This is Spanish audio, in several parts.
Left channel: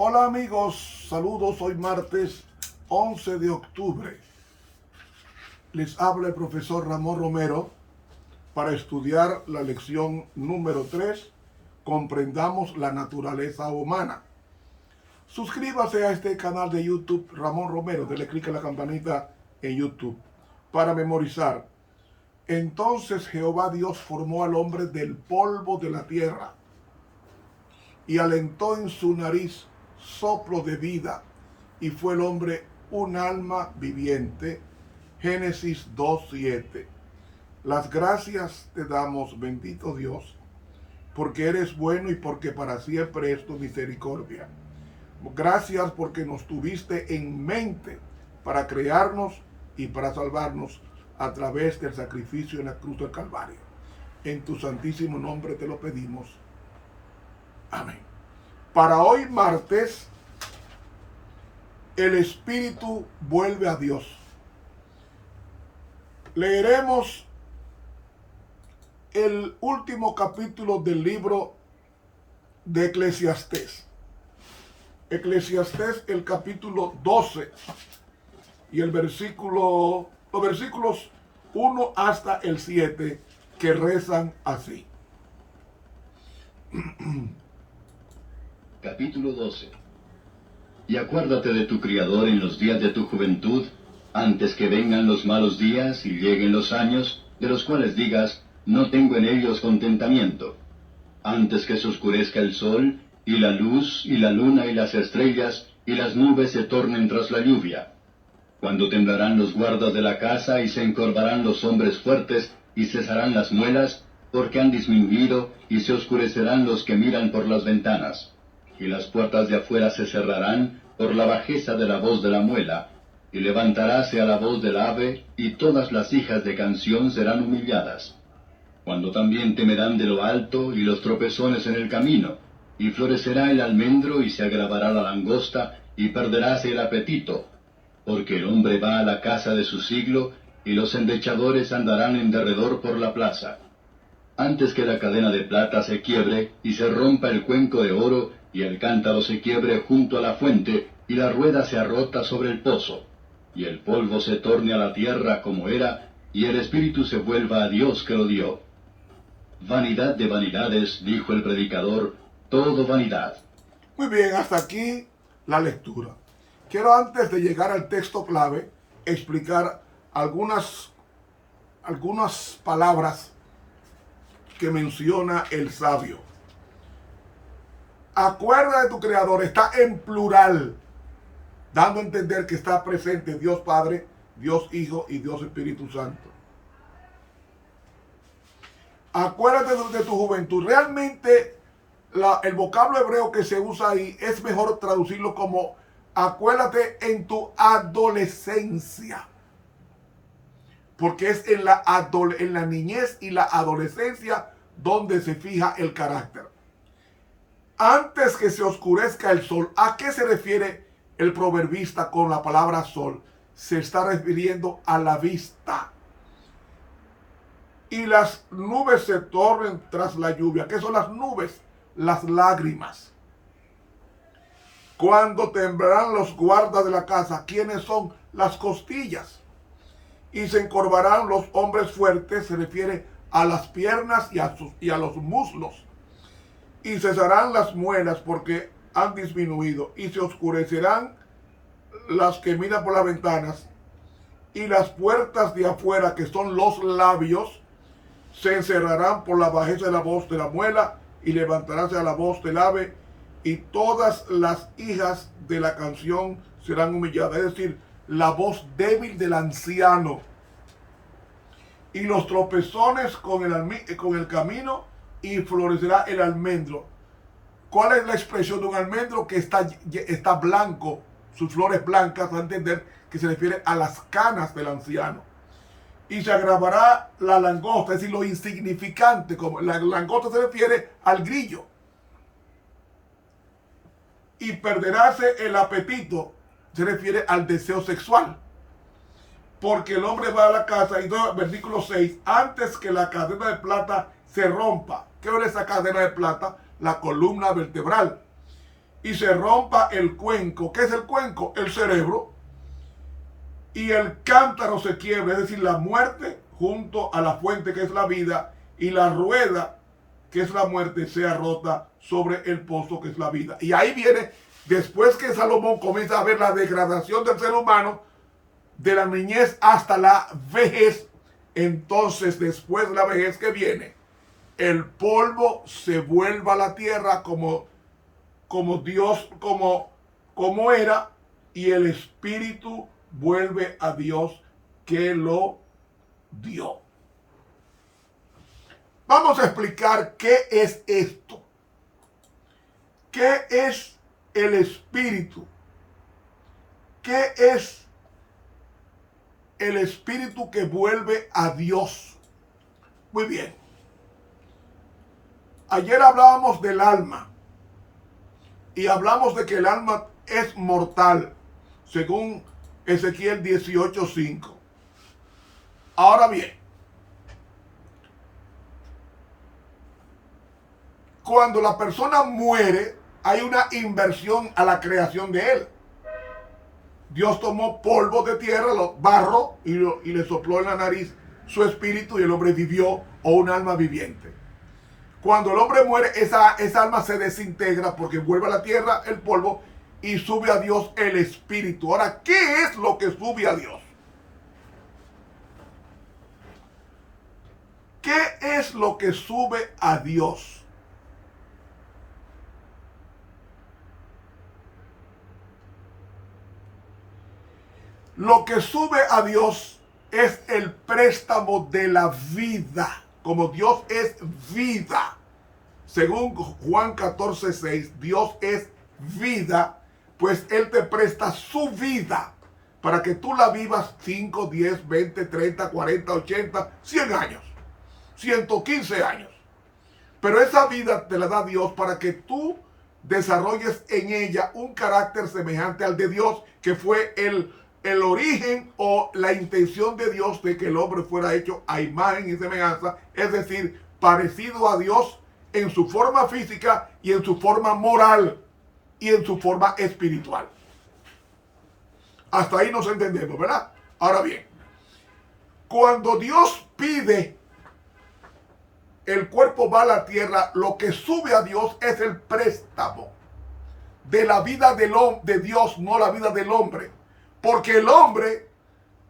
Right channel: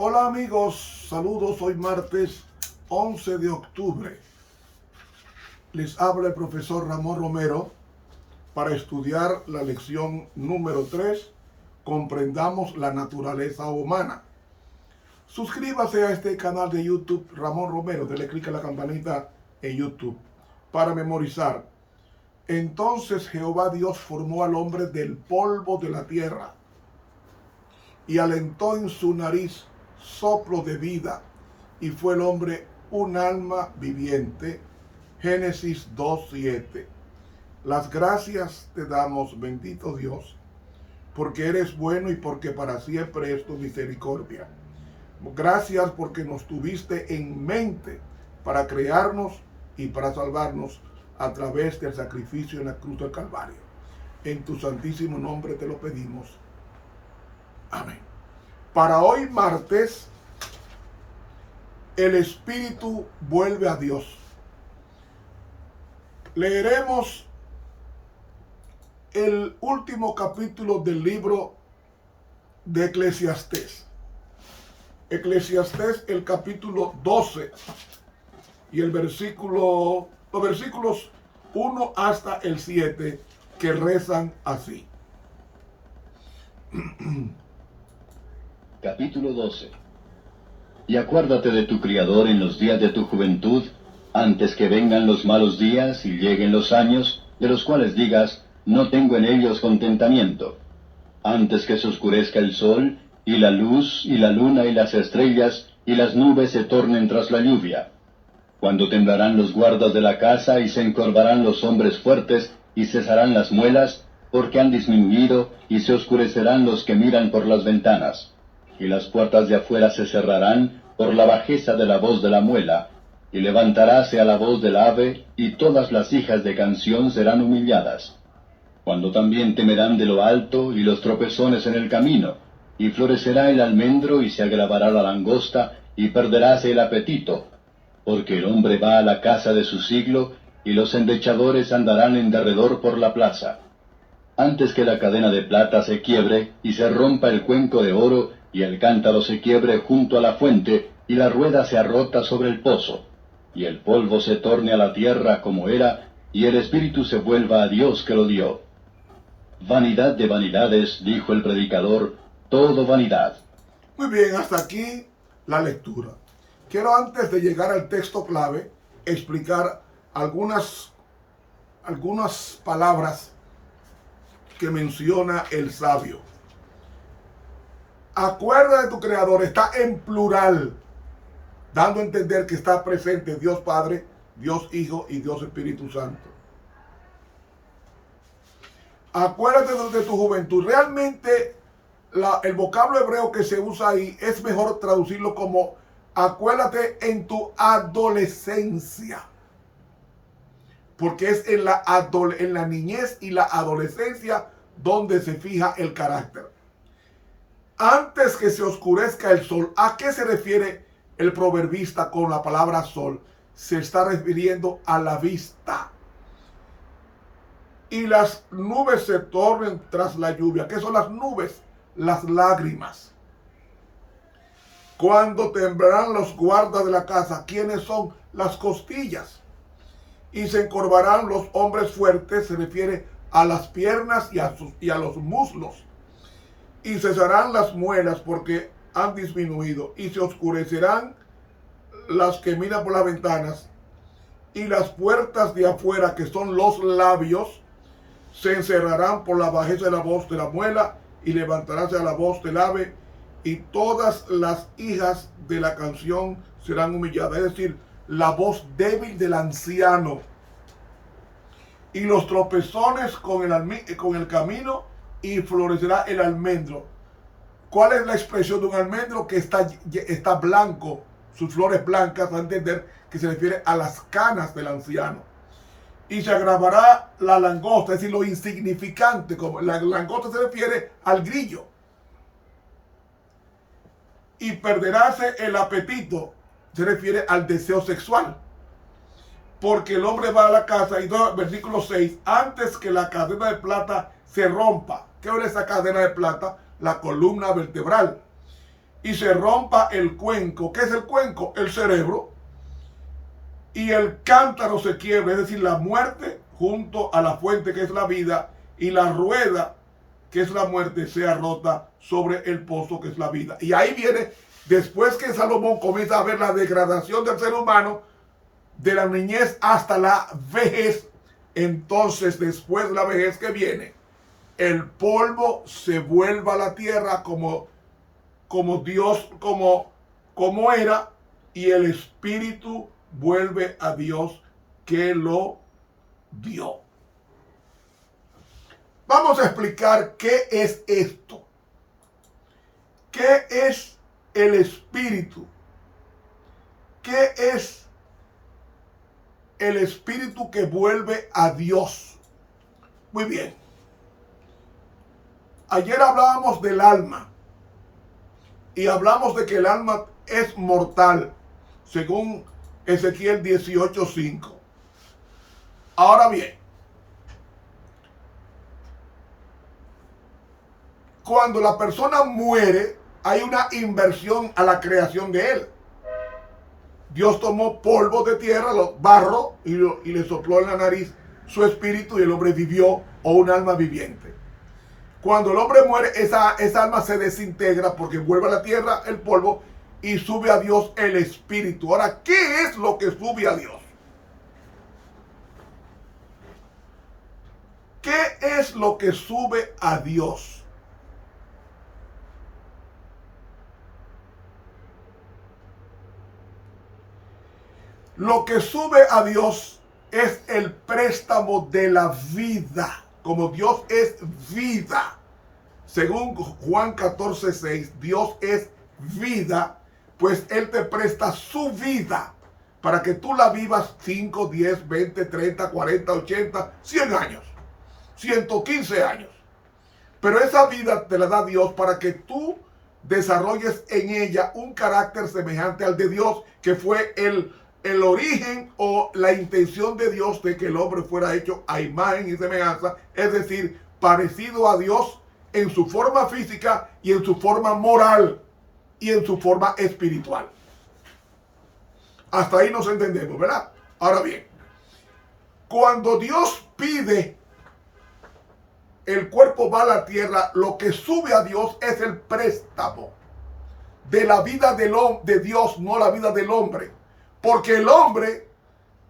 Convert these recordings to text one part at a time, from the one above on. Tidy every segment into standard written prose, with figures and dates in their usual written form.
Hola amigos, saludos, hoy martes 11 de octubre. Les habla el profesor Ramón Romero para estudiar la lección número 3, comprendamos la naturaleza humana. Suscríbase a este canal de YouTube Ramón Romero, dele clic a la campanita en YouTube para memorizar. Entonces Jehová Dios formó al hombre del polvo de la tierra y alentó en su nariz soplo de vida, y fue el hombre un alma viviente. Génesis 2:7. Las gracias te damos, bendito Dios, porque eres bueno y porque para siempre es tu misericordia. Gracias porque nos tuviste en mente para crearnos y para salvarnos a través del sacrificio en la cruz del Calvario. En tu santísimo nombre te lo pedimos. Amén. Para hoy martes, el espíritu vuelve a Dios. Leeremos el último capítulo del libro de Eclesiastés. Eclesiastés, el capítulo 12 y los versículos 1 hasta el 7, que rezan así. Capítulo 12. Y acuérdate de tu Criador en los días de tu juventud, antes que vengan los malos días y lleguen los años, de los cuales digas, no tengo en ellos contentamiento. Antes que se oscurezca el sol, y la luz, y la luna, y las estrellas, y las nubes se tornen tras la lluvia. Cuando temblarán los guardas de la casa, y se encorvarán los hombres fuertes, y cesarán las muelas, porque han disminuido, y se oscurecerán los que miran por las ventanas. Y las puertas de afuera se cerrarán por la bajeza de la voz de la muela, y levantaráse a la voz del ave, y todas las hijas de canción serán humilladas. Cuando también temerán de lo alto, y los tropezones en el camino, y florecerá el almendro, y se agravará la langosta, y perderáse el apetito, porque el hombre va a la casa de su siglo, y los endechadores andarán en derredor por la plaza. Antes que la cadena de plata se quiebre, y se rompa el cuenco de oro, y el cántaro se quiebre junto a la fuente, y la rueda se arrota sobre el pozo, y el polvo se torne a la tierra como era, y el espíritu se vuelva a Dios que lo dio. Vanidad de vanidades, dijo el predicador, todo vanidad. Muy bien, hasta aquí la lectura. Quiero, antes de llegar al texto clave, explicar algunas palabras que menciona el sabio. Acuerda de tu Creador, está en plural, dando a entender que está presente Dios Padre, Dios Hijo y Dios Espíritu Santo. Acuérdate de tu juventud. Realmente el vocablo hebreo que se usa ahí es mejor traducirlo como acuérdate en tu adolescencia, porque es en la niñez y la adolescencia donde se fija el carácter. Antes que se oscurezca el sol. ¿A qué se refiere el proverbista con la palabra sol? Se está refiriendo a la vista. Y las nubes se tornen tras la lluvia. ¿Qué son las nubes? Las lágrimas. Cuando temblarán los guardas de la casa. ¿Quiénes son? Las costillas. Y se encorvarán los hombres fuertes. Se refiere a las piernas y a los muslos. Y cesarán las muelas porque han disminuido, y se oscurecerán las que miran por las ventanas, y las puertas de afuera, que son los labios, se encerrarán por la bajeza de la voz de la muela, y levantaráse a la voz del ave, y todas las hijas de la canción serán humilladas. Es decir, la voz débil del anciano, y los tropezones con el camino, y florecerá el almendro. ¿Cuál es la expresión de un almendro? Que está blanco, sus flores blancas, a entender que se refiere a las canas del anciano. Y se agravará la langosta, es decir, lo insignificante, como la langosta se refiere al grillo. Y perderáse el apetito, se refiere al deseo sexual. Porque el hombre va a la casa, y versículo 6, antes que la cadena de plata se rompa. ¿Qué es esa cadena de plata? La columna vertebral. y se rompa el cuenco. ¿Qué es el cuenco? El cerebro. Y el cántaro se quiebre, es decir, la muerte junto a la fuente que es la vida, y la rueda que es la muerte sea rota sobre el pozo que es la vida. Y ahí viene, después que Salomón comienza a ver la degradación del ser humano, de la niñez hasta la vejez, entonces después de la vejez que viene, el polvo se vuelve a la tierra como Dios, como era, y el espíritu vuelve a Dios que lo dio. Vamos a explicar qué es esto. ¿Qué es el espíritu? ¿Qué es el espíritu que vuelve a Dios? Muy bien. Ayer hablábamos del alma y hablamos de que el alma es mortal, según Ezequiel 18:5. Ahora bien, cuando la persona muere, hay una inversión a la creación de él. Dios tomó polvo de tierra, barro, y le sopló en la nariz su espíritu, y el hombre vivió, o un alma viviente. Cuando el hombre muere, esa alma se desintegra porque vuelve a la tierra el polvo y sube a Dios el espíritu. Ahora, ¿qué es lo que sube a Dios? ¿Qué es lo que sube a Dios? Lo que sube a Dios es el préstamo de la vida. Como Dios es vida, según Juan 14:6, Dios es vida, pues Él te presta su vida para que tú la vivas 5, 10, 20, 30, 40, 80, 100 años, 115 años. Pero esa vida te la da Dios para que tú desarrolles en ella un carácter semejante al de Dios, que fue el origen o la intención de Dios de que el hombre fuera hecho a imagen y semejanza, es decir, parecido a Dios en su forma física y en su forma moral y en su forma espiritual. Hasta ahí nos entendemos, ¿verdad? Ahora bien, cuando Dios pide, el cuerpo va a la tierra, lo que sube a Dios es el préstamo de la vida de Dios, no la vida del hombre. Porque el hombre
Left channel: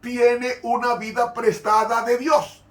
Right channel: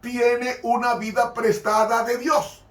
tiene una vida prestada de Dios.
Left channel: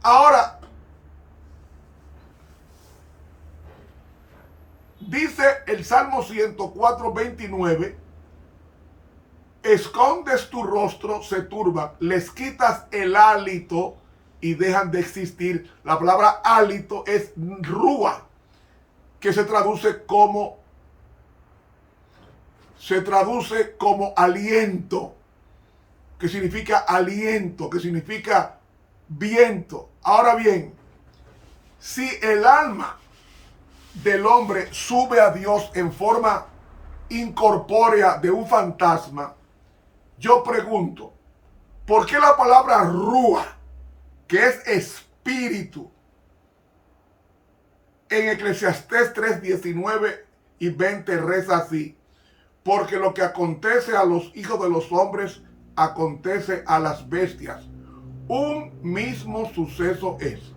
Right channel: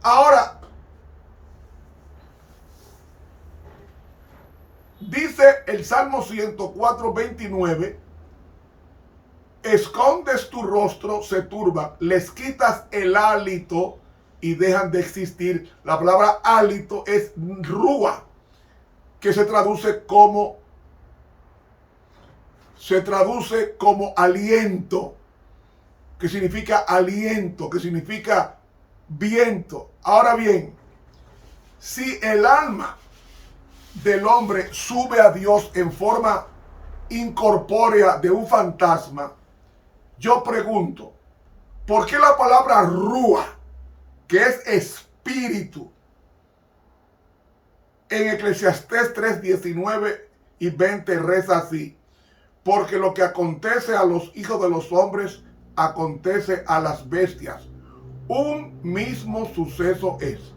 Ahora, dice el Salmo 104:29, escondes tu rostro, se turban, les quitas el hálito y dejan de existir. La palabra hálito es rúa, que se traduce como aliento, que significa aliento, que significa viento. Ahora bien, si el alma del hombre sube a Dios en forma incorpórea de un fantasma, yo pregunto, ¿por qué la palabra rúa, que es espíritu, en Eclesiastés 3:19 y 20 reza así? Porque lo que acontece a los hijos de los hombres, acontece a las bestias. Un mismo suceso es.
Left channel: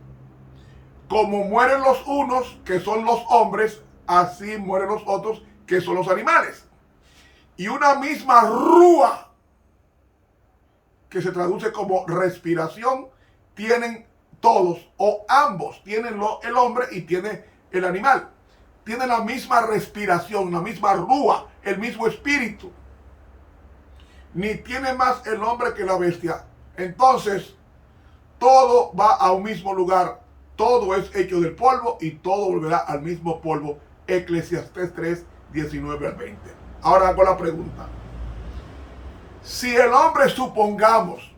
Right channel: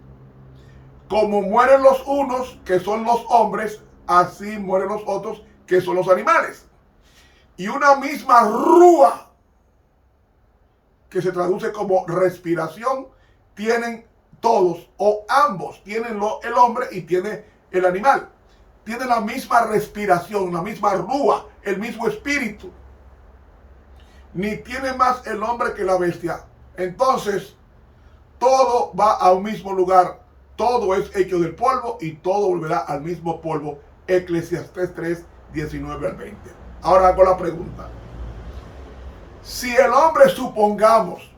Como mueren los unos, que son los hombres, así mueren los otros, que son los animales. Y una misma rúa, que se traduce como respiración, tienen todos, o ambos, tienen el hombre y tiene el animal. Tienen la misma respiración, la misma rúa, el mismo espíritu. Ni tiene más el hombre que la bestia. Entonces, todo va a un mismo lugar. Todo es hecho del polvo y todo volverá al mismo polvo. Eclesiastés 3:19 al 20. Ahora hago la pregunta. Si el hombre, supongamos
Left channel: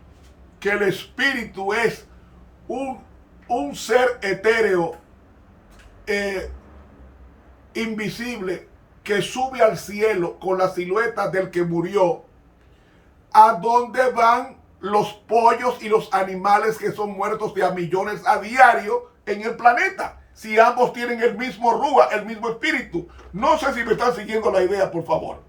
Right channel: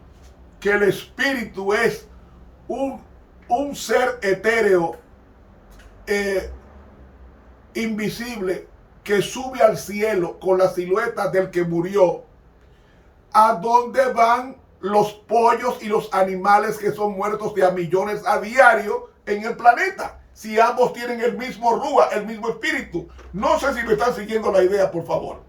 que el espíritu es un ser etéreo, invisible, que sube al cielo con la silueta del que murió, ¿a dónde van los pollos y los animales que son muertos de a millones a diario en el planeta? si ambos tienen el mismo rúa, el mismo espíritu? No sé si me están siguiendo la idea, por favor.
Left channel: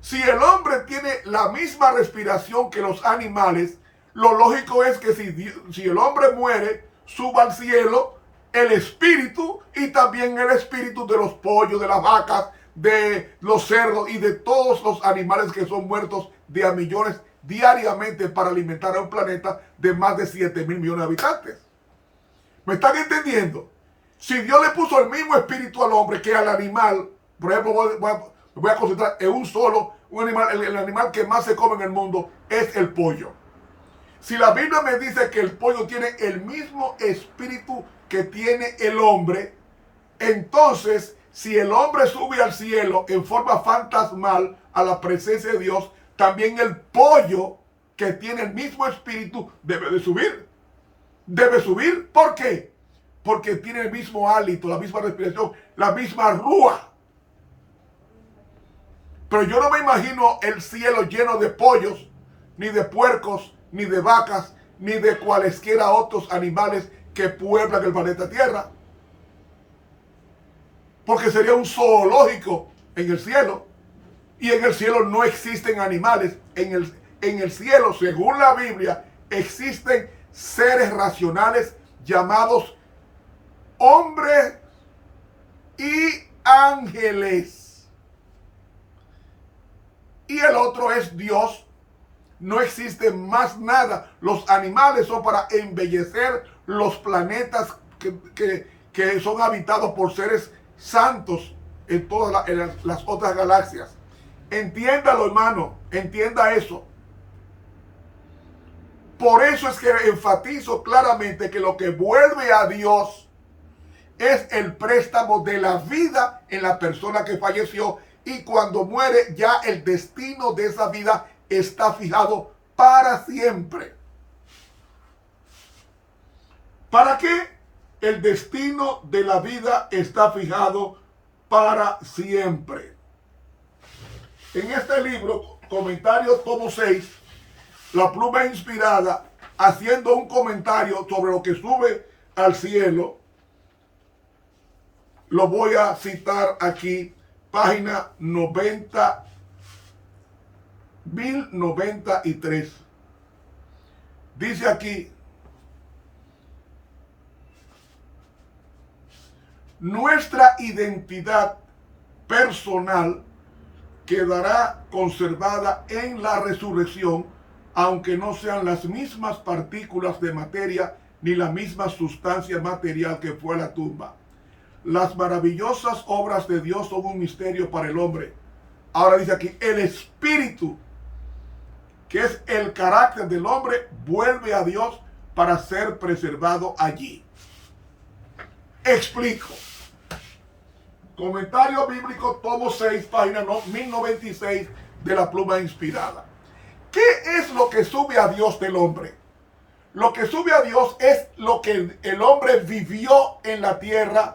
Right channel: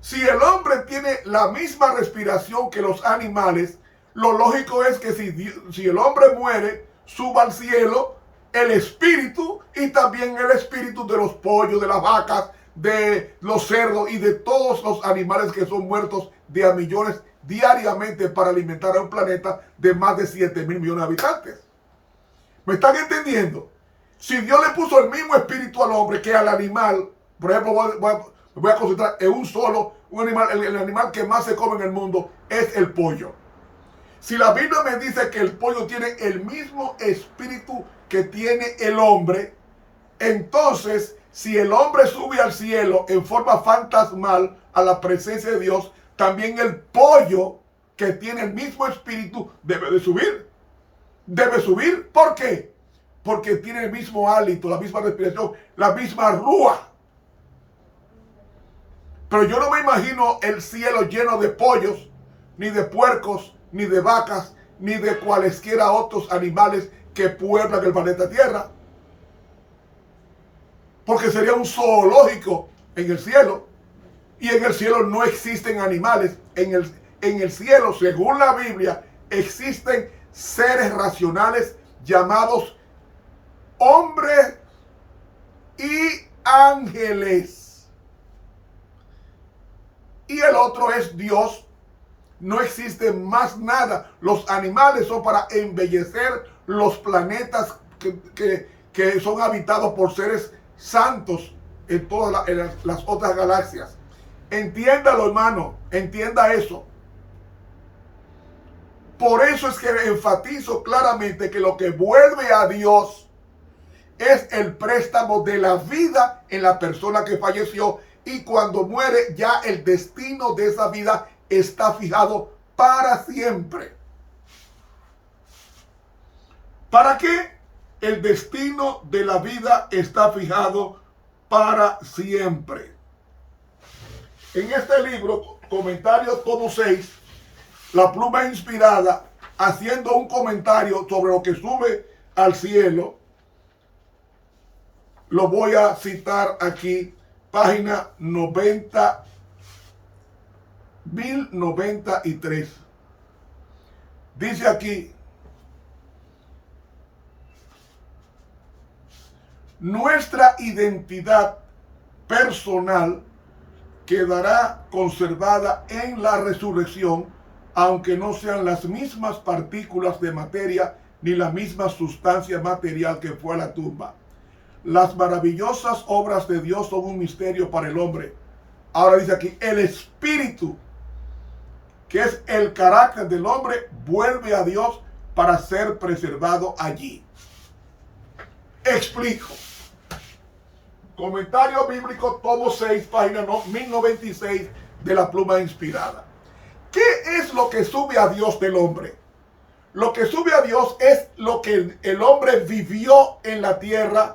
Si el hombre tiene la misma respiración que los animales, lo lógico es que si el hombre muere, suba al cielo el espíritu y también el espíritu de los pollos, de las vacas, de los cerdos y de todos los animales que son muertos de a millones diariamente para alimentar a un planeta de más de 7.000 millones de habitantes. ¿Me están entendiendo? Si Dios le puso el mismo espíritu al hombre que al animal, por ejemplo, voy a concentrar en un solo, un animal, el animal que más se come en el mundo es el pollo. Si la Biblia me dice que el pollo tiene el mismo espíritu que tiene el hombre, entonces, si el hombre sube al cielo en forma fantasmal a la presencia de Dios, también el pollo que tiene el mismo espíritu debe de subir. Debe subir, ¿por qué? Porque tiene el mismo hálito, la misma respiración, la misma rúa. Pero yo no me imagino el cielo lleno de pollos, ni de puercos, ni de vacas, ni de cualesquiera otros animales que pueblan el planeta Tierra. Porque sería un zoológico en el cielo. Y en el cielo no existen animales. En el cielo, según la Biblia, existen seres racionales llamados hombres y ángeles. Y el otro es Dios. No existe más nada. Los animales son para embellecer los planetas que son habitados por seres santos en todas las otras galaxias. Entiéndalo, hermano. Entienda eso. Por eso es que enfatizo claramente que lo que vuelve a Dios es el préstamo de la vida en la persona que falleció, y cuando muere ya el destino de esa vida está fijado para siempre. ¿Para qué? El destino de la vida está fijado para siempre. En este libro, comentario tomo 6, la pluma inspirada, haciendo un comentario sobre lo que sube al cielo, lo voy a citar aquí, página 1093. Dice aquí: nuestra identidad personal quedará conservada en la resurrección, aunque no sean las mismas partículas de materia ni la misma sustancia material que fue la tumba. Las maravillosas obras de Dios son un misterio para el hombre. Ahora dice aquí, el espíritu, que es el carácter del hombre, vuelve a Dios para ser preservado allí. Explico. Comentario bíblico, tomo 6, página 1096 de la pluma inspirada. ¿Qué es lo que sube a Dios del hombre? Lo que sube a Dios es lo que el hombre vivió en la tierra,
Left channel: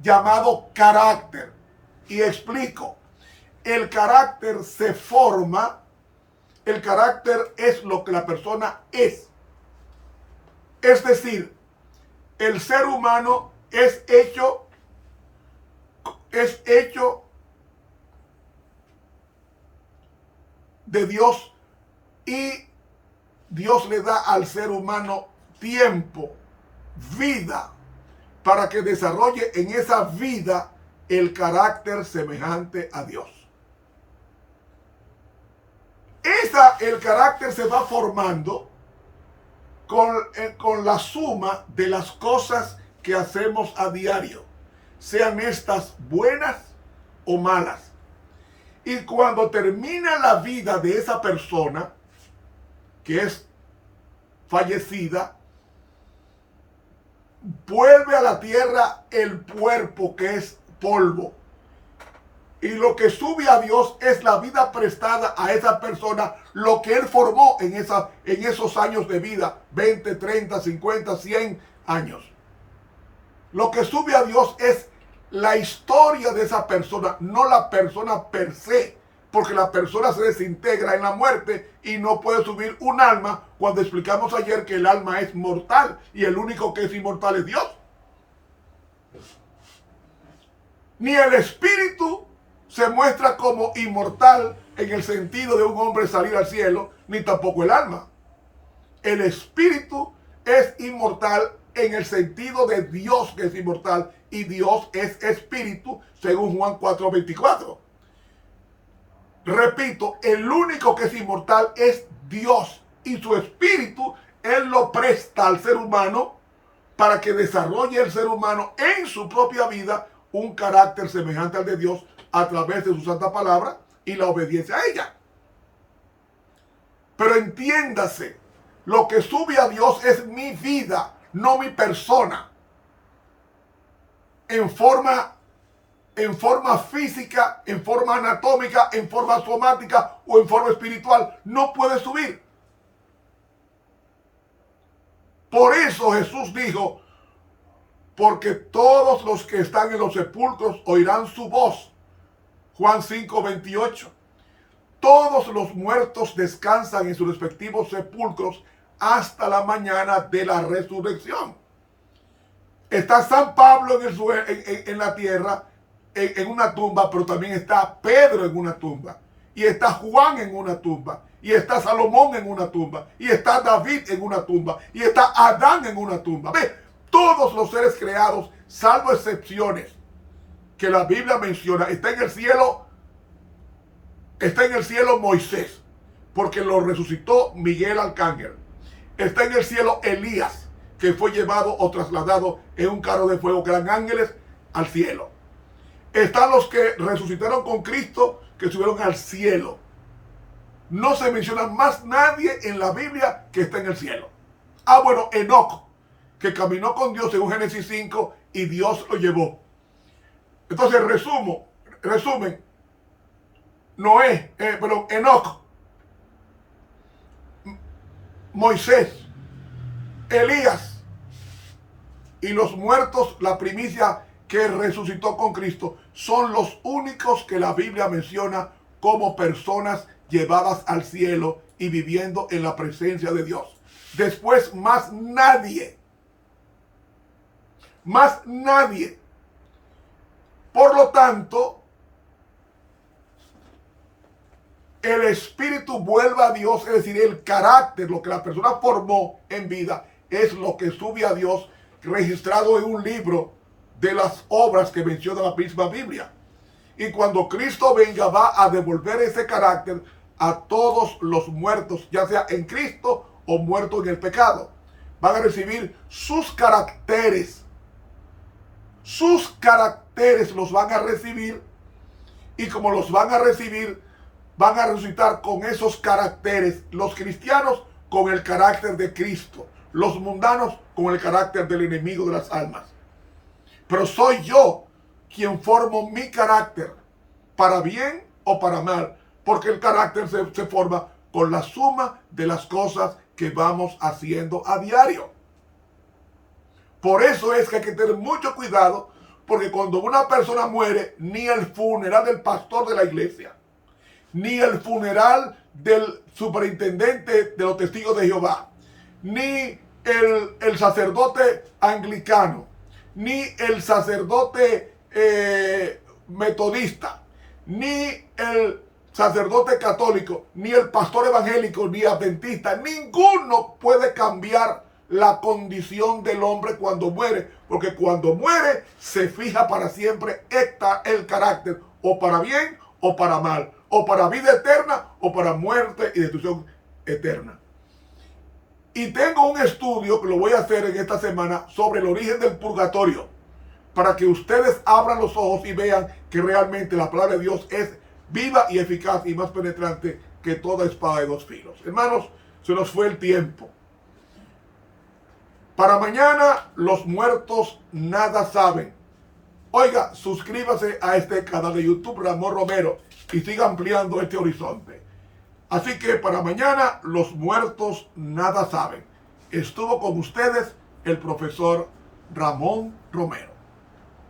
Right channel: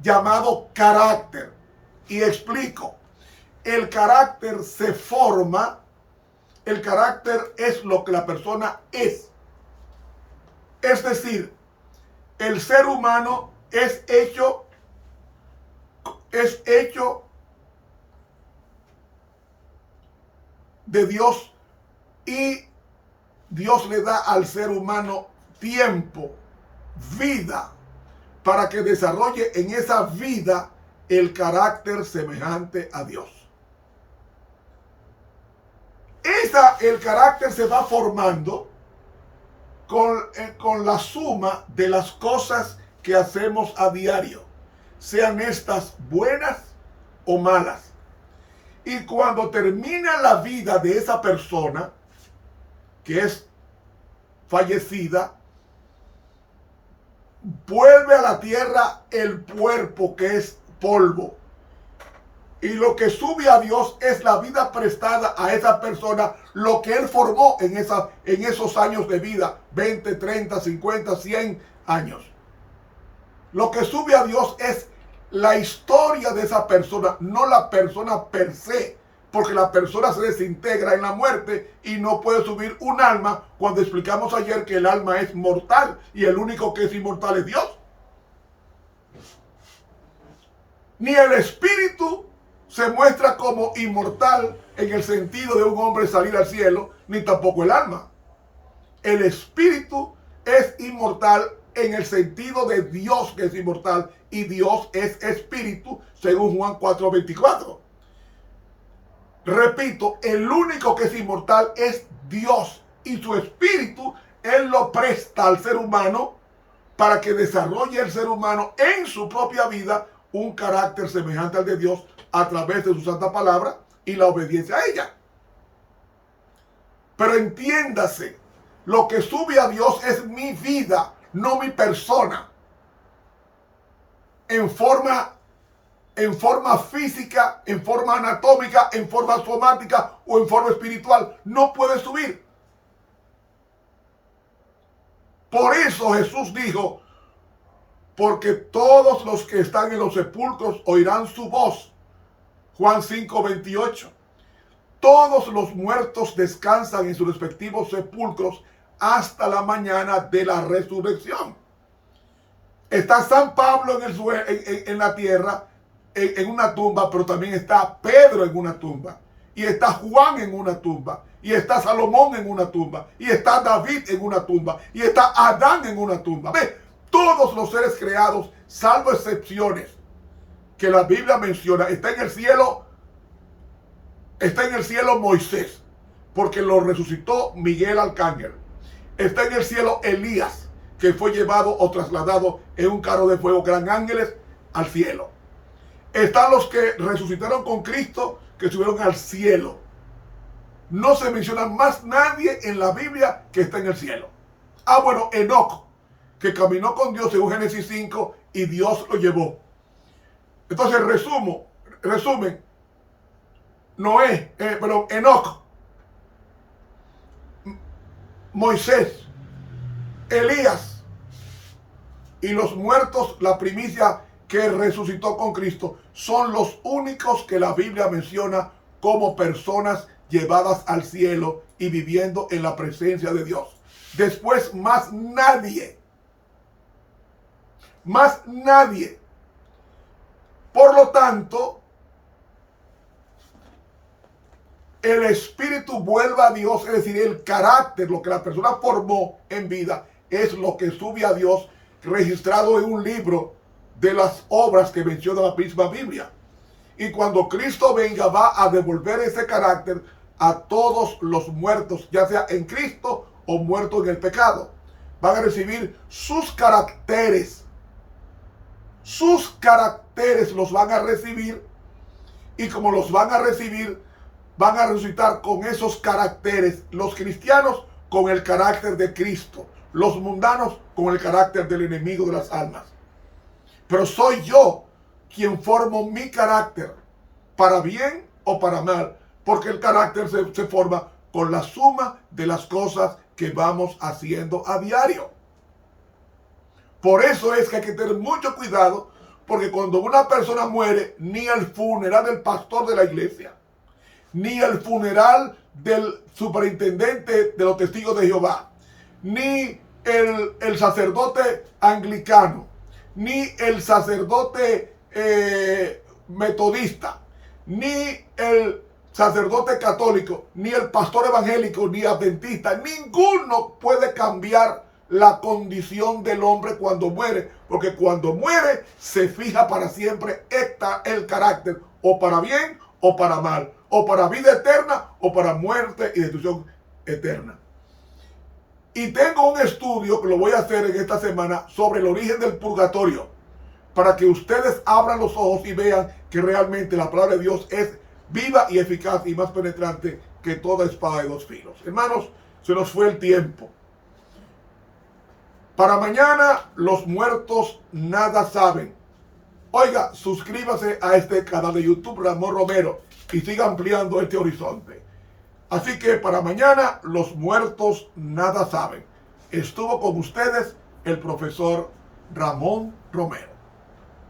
llamado carácter. Y explico. El carácter se forma, el carácter es lo que la persona es. Es decir, el ser humano es hecho de Dios, y Dios le da al ser humano tiempo, vida, para que desarrolle en esa vida el carácter semejante a Dios. El carácter se va formando con la suma de las cosas que hacemos a diario, sean estas buenas o malas. Y cuando termina la vida de esa persona que es fallecida, vuelve a la tierra el cuerpo, que es polvo. Y lo que sube a Dios es la vida prestada a esa persona, lo que él formó en esos años de vida, 20, 30, 50, 100 años. Lo que sube a Dios es la historia de esa persona, no la persona per se, porque la persona se desintegra en la muerte y no puede subir un alma, cuando explicamos ayer que el alma es mortal y el único que es inmortal es Dios. Ni el espíritu se muestra como inmortal en el sentido de un hombre salir al cielo, ni tampoco el alma. El espíritu es inmortal en el sentido de Dios, que es inmortal, y Dios es espíritu, según Juan 4:24. Repito, el único que es inmortal es Dios, y su espíritu Él lo presta al ser humano para que desarrolle el ser humano en su propia vida un carácter semejante al de Dios a través de su santa palabra y la obediencia a ella. Pero entiéndase, lo que sube a Dios es mi vida, no mi persona. En forma física, en forma anatómica, en forma somática o en forma espiritual, no puede subir. Por eso Jesús dijo, porque todos los que están en los sepulcros oirán su voz. Juan 5:28. Todos los muertos descansan en sus respectivos sepulcros hasta la mañana de la resurrección. Está San Pablo en la tierra, en una tumba, pero también está Pedro en una tumba, y está Juan en una tumba, y está Salomón en una tumba, y está David en una tumba, y está Adán en una tumba. Ve, todos los seres creados, salvo excepciones que la Biblia menciona, está en el cielo Moisés, porque lo resucitó Miguel Arcángel. Está en el cielo Elías, que fue llevado o trasladado en un carro de fuego, gran ángeles, al cielo. Están los que resucitaron con Cristo, que subieron al cielo. No se menciona más nadie en la Biblia que está en el cielo. Bueno, Enoc, que caminó con Dios según Génesis 5 y Dios lo llevó. Entonces, resumen, Enoc, Moisés, Elías y los muertos, la primicia que resucitó con Cristo, son los únicos que la Biblia menciona como personas llevadas al cielo y viviendo en la presencia de Dios. Después, más nadie. Por lo tanto, el espíritu vuelve a Dios, es decir, el carácter, lo que la persona formó en vida, es lo que sube a Dios, registrado en un libro de las obras que menciona la misma Biblia. Y cuando Cristo venga, va a devolver ese carácter a todos los muertos, ya sea en Cristo o muertos en el pecado. Van a recibir sus caracteres. Sus caracteres los van a recibir, y como los van a recibir, van a resucitar con esos caracteres. Los cristianos con el carácter de Cristo, los mundanos con el carácter del enemigo de las almas. Pero soy yo quien formo mi carácter, para bien o para mal, porque el carácter se forma con la suma de las cosas que vamos haciendo a diario. Por eso es que hay que tener mucho cuidado, porque cuando una persona muere, ni el funeral del pastor de la iglesia, ni el funeral del superintendente de los testigos de Jehová, ni el sacerdote anglicano, ni el sacerdote metodista, ni el sacerdote católico, ni el pastor evangélico, ni adventista, ninguno puede cambiar la condición del hombre cuando muere, porque cuando muere se fija para siempre el carácter, o para bien o para mal, o para vida eterna o para muerte y destrucción eterna. Y tengo un estudio que lo voy a hacer en esta semana sobre el origen del purgatorio, para que ustedes abran los ojos y vean que realmente la palabra de Dios es viva y eficaz y más penetrante que toda espada de dos filos. Hermanos, se nos fue el tiempo. Para mañana, los muertos nada saben. Oiga, suscríbase a este canal de YouTube, Ramón Romero, y siga ampliando este horizonte. Así que para mañana, los muertos nada saben. Estuvo con ustedes el profesor Ramón Romero.